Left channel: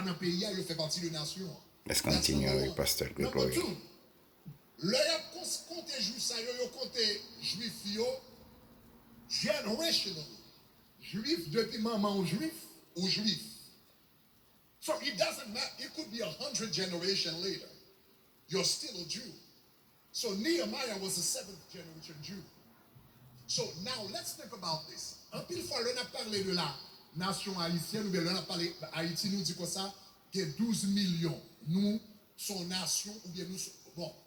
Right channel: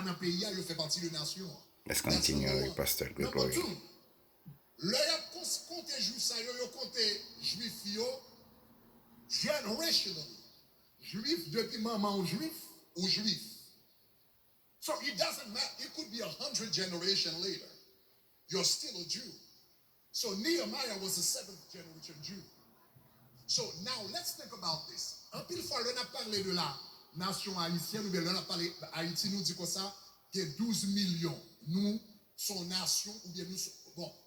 pas dans le pays, il fait partie de la nation. Let's continue with Pastor Gregory. Le y a compté juif ça, yo compté juif yo generationally. Juif depuis maman ou juif. So it doesn't matter. It could be 100 generations later. You're still a Jew. So Nehemiah was a 7th generation Jew. So now let's think about this. Un pile fois, on a parlé de la nation haïtienne, ou bien on a parlé Haïti, nous dit comme ça, qu'il y a 12 millions. Nous, son nation, ou bien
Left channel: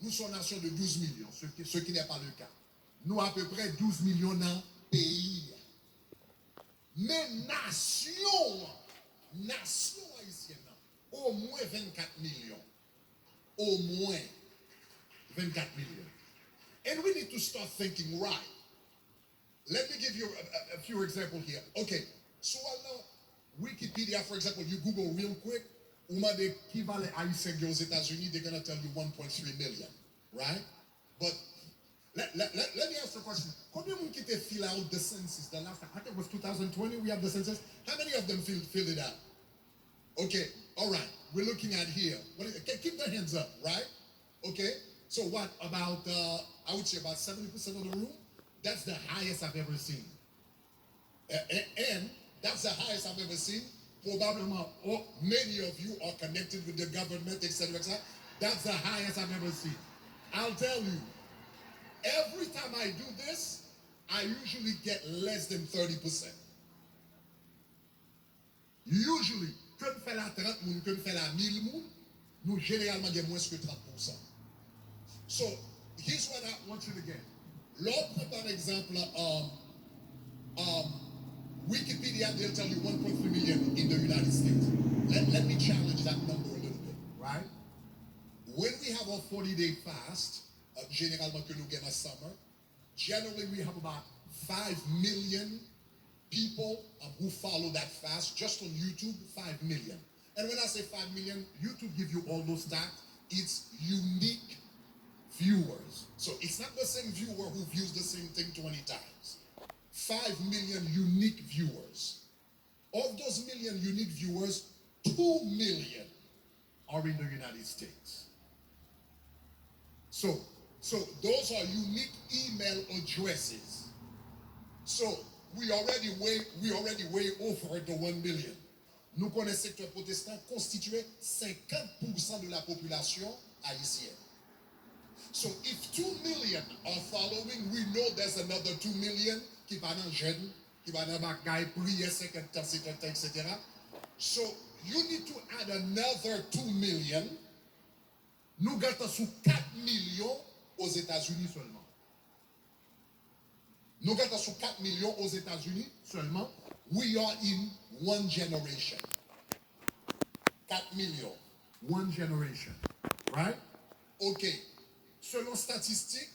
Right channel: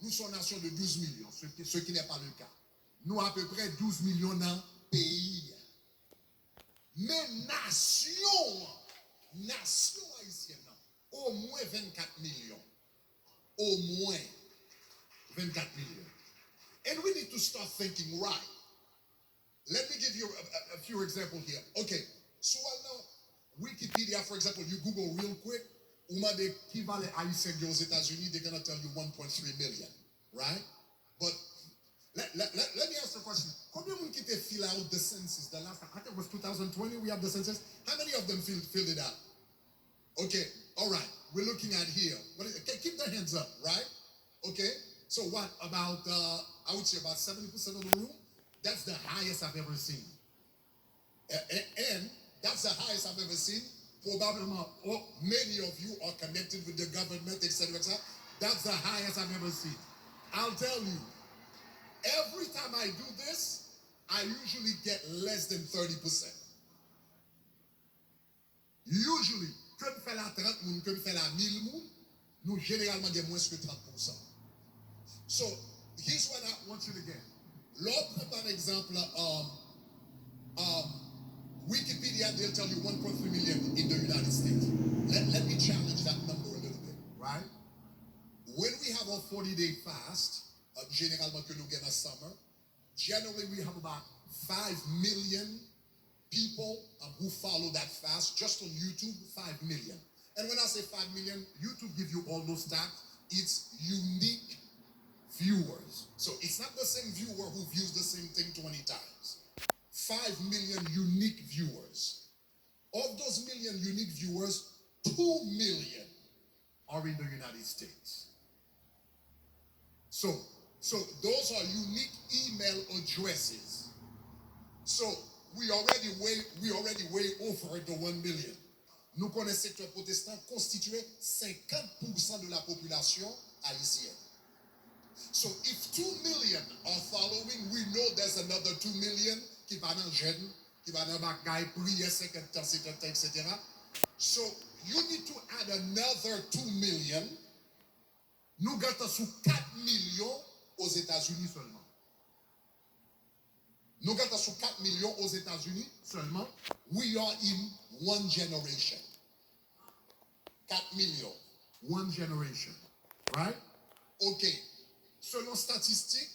nous sommes nation de 12 millions, ce qui n'est pas le cas. Nous, à peu près 12 millions dans le pays. Mais nation haïtienne, au moins 24 millions. Au moins 24 millions. And we need to start thinking right. Let me give you a few examples here. Okay, so now Wikipedia, for example, you Google real quick, the equivalent haïtien aux États-Unis, they're going to tell you 1.3 million, right? But let me ask the question. Combien de gens qui fill out the census? The last time, I think it was 2020, we have the census. How many of them filled it out? Okay, all right. We're looking at here. Keep their hands up, right? Okay, so what, about, I would say about 70% of the room? That's the highest I've ever seen. And that's the highest I've ever seen. Probably many of you are connected with the government, etc. That's the highest I've ever seen. I'll tell you, every time I do this, I usually get less than 30%. Usually, quand on fait la 30 moun, quand on fait la 1000 moun, nous généralement avons moins que 30%. So, here's what I want you to get. L'autre, par exemple, Wikipedia, they'll tell you 1.3 million in the United States. Let me challenge that number a little bit, right? When we have a 40-day fast, généralement que nous gagnons summer, generally we have about 5 million people who follow that fast. Just on YouTube, 5 million. And when I say 5 million, YouTube gives you all those stats. It's unique viewers. So it's not the same viewer who views the same thing 20 times. 5 million unique viewers. Of those million unique viewers, 2 million are in the United States. So those are unique email addresses. So we already way over the 1 million. Nous connaissons le secteur protestant constitué 50% de la population haïtienne. So if 2 million are following, we know there's another 2 million qui va dans jeune, qui va dans bagaille, prier 50 ans, etc. So you need to add another 2 million. Nous gâtons sous 4 millions aux États-Unis seulement. Nous gâtons sous 4 millions aux États-Unis seulement. We are in one generation. 4 millions. One generation. Right? Okay. Selon statistiques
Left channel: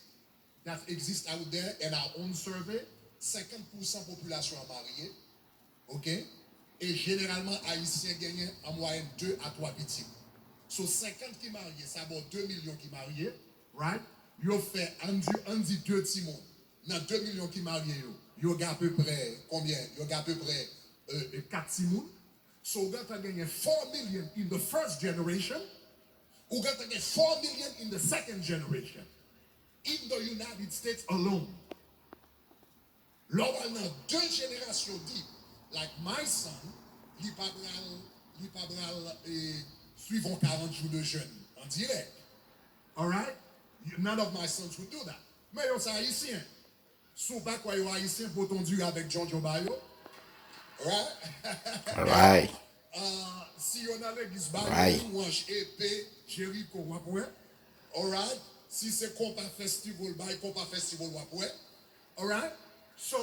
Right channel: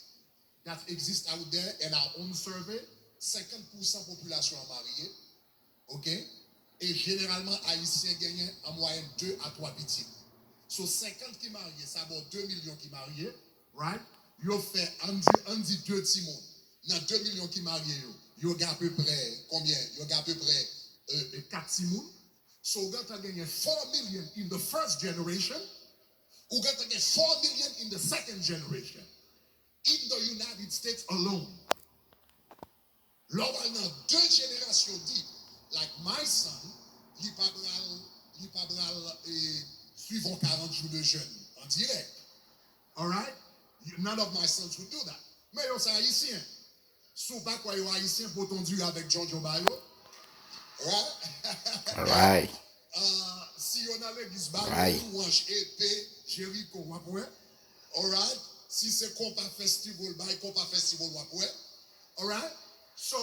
that exist out there in our own survey, 50% population mariée. OK? Et généralement, Haïtiens gagnent en moyenne 2 à 3 petits. So 50 qui mariés, ça vaut 2 millions qui mariés. Right? Yo fait, on dit 2 petits mondes. Dans 2 millions qui mariés, yo gagne à peu près, combien? Yo gagne à peu près 4 petits mondes. So you got to gain 4 million in the first generation. You got to get 4 million in the second generation. In the United States alone. Lors dans 2 générations deep, like my son, il pas suivant 40 jours de jeûne en direct. All right? None of my sons would do that. Mais yo c'est haïtien. Sous pas quoi yo haïtien pour ton Dieu avec Giorgio Bayo. Right? All right. Si on a l'église Right. Bayo, Ouange épée, Jéricho, wapoué. All right? Si c'est compas festival, compas festival, wapoué. All right? So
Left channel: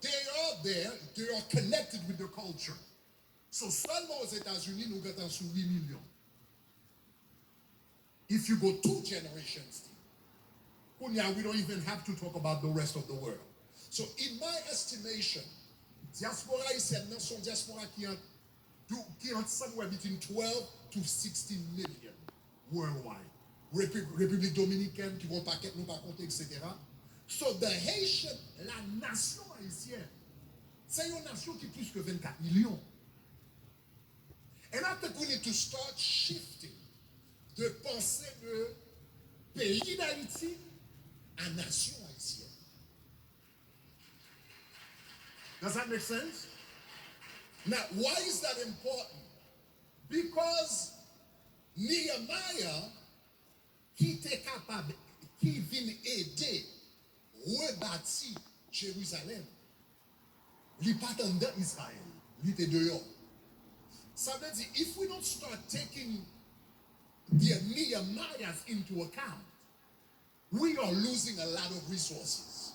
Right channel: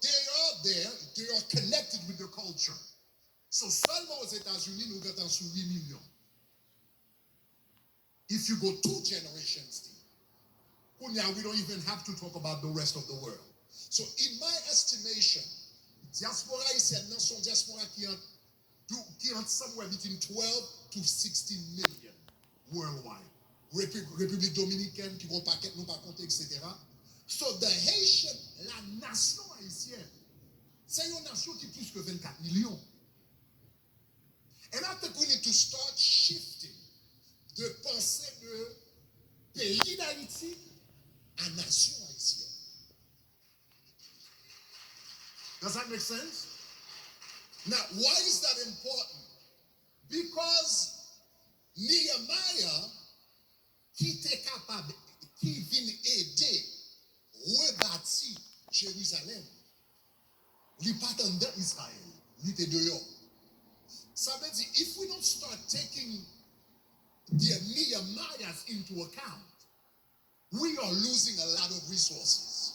they are there, they are connected with the culture. So seulement aux États-Unis, nous avons sous 8 millions. If you go 2 generations, we don't even have to talk about the rest of the world. So in my estimation, diaspora haïtienne, son diaspora qui est somewhere between 12 to 16 million worldwide. République dominicaine, qui vont paquet, nous pas compter, etc. So the Haitian, la nation haïtienne, c'est une nation qui est plus que 24 millions. And I think we need to start shifting de pensée de pays d'Haïti à nation haïtienne. Does that make sense? Now, why is that important? Because Nehemiah, qui était capable, qui vient aider, rebâtir Jérusalem, il n'est pas dans Israël, il était dehors. Ça veut dire, if we don't start taking the Nehemiahs into account, we are losing a lot of resources.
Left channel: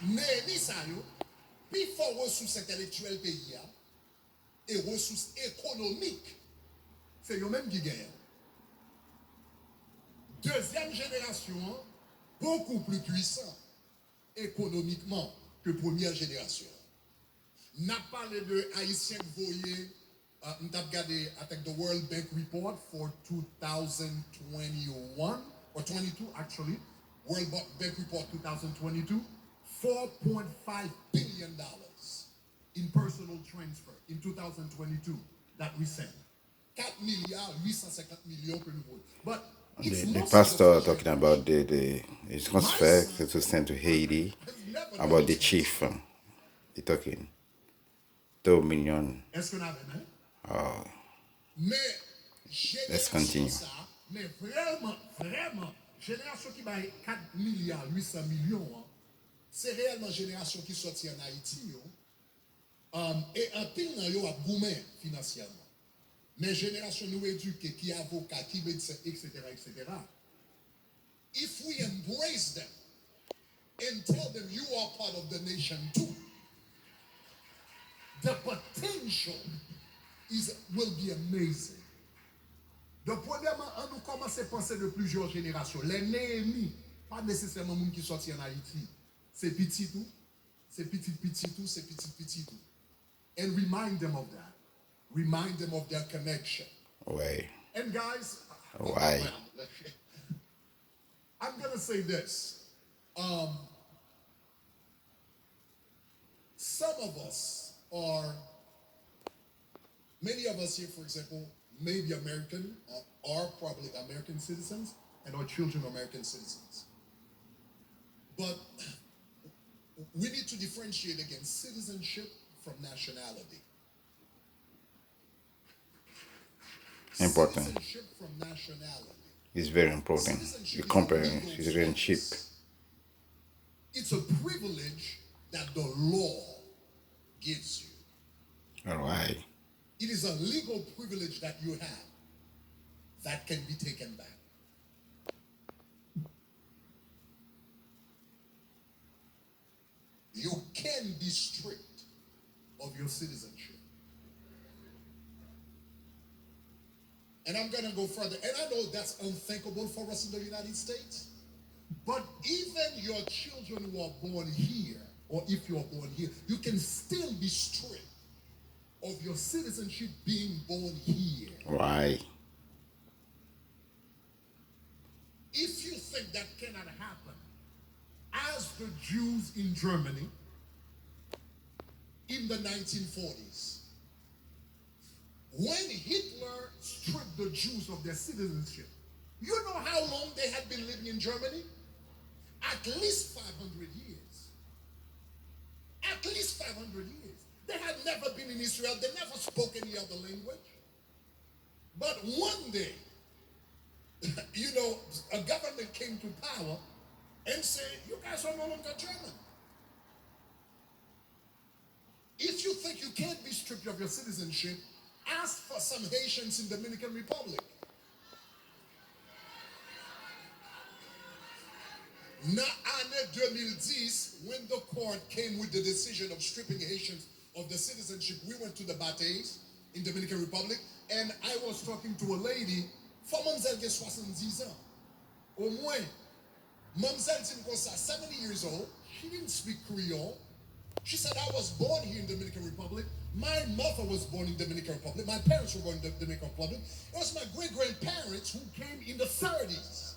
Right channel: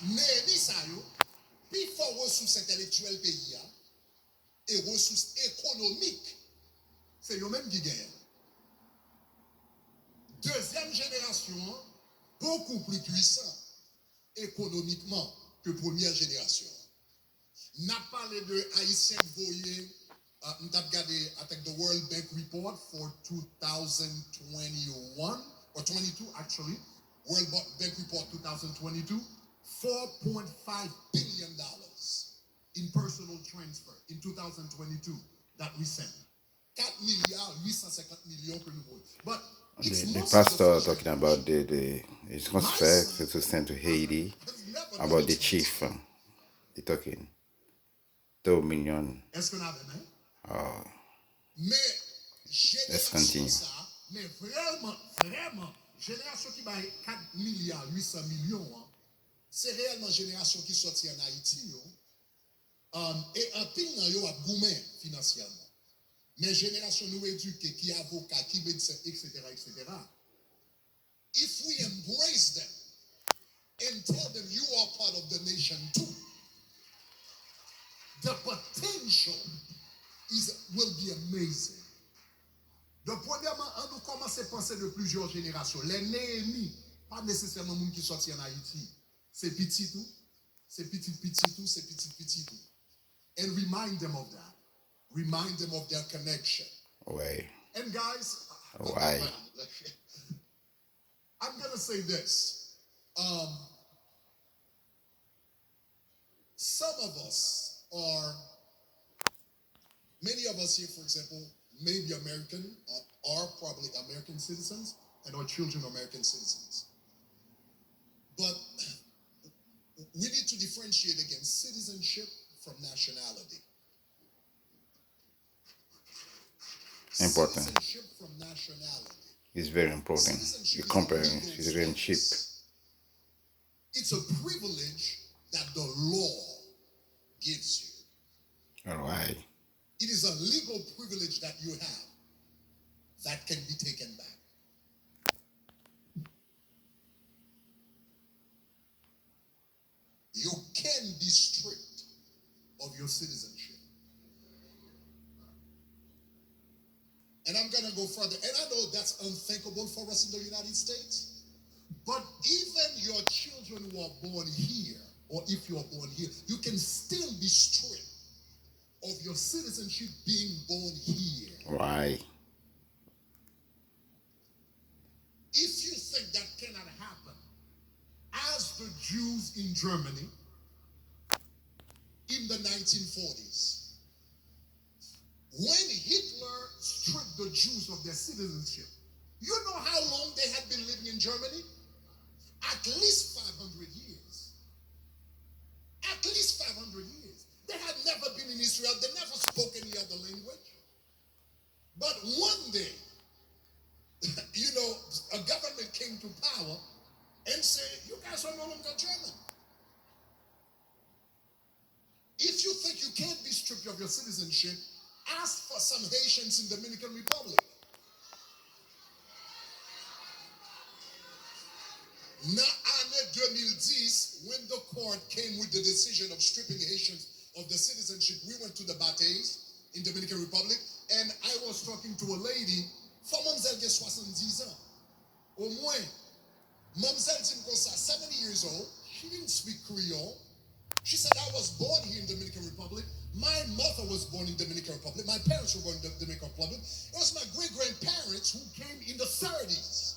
Néhémie sa yo, pi fò ressources intellectuelles pays a, et ressources économiques, c'est yo même qui gagne. Deuxième génération, beaucoup plus puissant économiquement que première génération. N'a parlé de Haïtiens voyés, nous avons regardé avec the World Bank Report for 2021, or 22 actually, World Bank Report 2022, $4.5 billion in personal transfer in 2022 that we sent. 4 milliards, 850 millions que nous voyons. But The pastor talking about the transfer to send to Haiti, about the chief. He talking 2 million. Est-ce qu'on a même? Oh, Mais let's continue. Mais vraiment, génération qui va 4 milliards, 800 millions, hein, c'est réellement génération qui sortit en Haïti. Et un pile dans yo a gourmet financièrement. Mais génération nous éduquée, qui avocat, qui médecin, etc., etc. If we embrace them and tell them you are part of the nation too, the potential will be amazing. Donc, premièrement, on nous commence à penser de plusieurs générations. Les Néhémie, pas nécessairement les gens qui sortent en Haïti. C'est petit tout, c'est petit tout, c'est petit tout. And remind them of that. Remind them of their connection. Why? And guys, Why? I'm going to say this. Some of us many of us here, for example, may be American, are probably American citizens, and our children are American citizens. But we need to differentiate against citizenship from nationality. Important. Citizenship from nationality. It's very important. You compare citizenship. It's a privilege that the law gives you. All right. It is a legal privilege that you have that can be taken back. You can be stripped of your citizenship. And I'm going to go further. And I know that's unthinkable for us in the United States. But even your children who are born here, or if you are born here, you can still be stripped of your citizenship being born here. Why? If you think that cannot happen, as the Jews in Germany in the 1940s, when Hitler stripped the Jews of their citizenship, you know how long they had been living in Germany? At least 500 years. At least 500 years. They had never been in Israel. They never spoke any other language. But one day, a government came to power and said, you guys are no longer German. If you think you can't be stripped of your citizenship, ask for some Haitians in the Dominican Republic. Now, année 2010, when the court came with the decision of stripping Haitians of the citizenship, we went to the Batays in Dominican Republic, and I was talking to a lady, for Mamzelle get 70 ans. Au moins, Mamzelle 70 years old, she didn't speak Creole. She said, I was born here in Dominican Republic. My mother was born in Dominican Republic. My parents were born in the Dominican Republic. It was my great-grandparents who came in the 30s.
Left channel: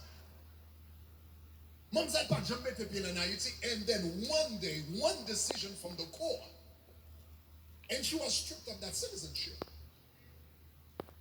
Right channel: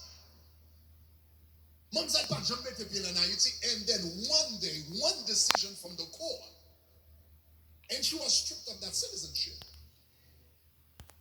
Mamzelle pas jamais été bien en Haïti, and then one day, one decision from the court, and she was stripped of that citizenship.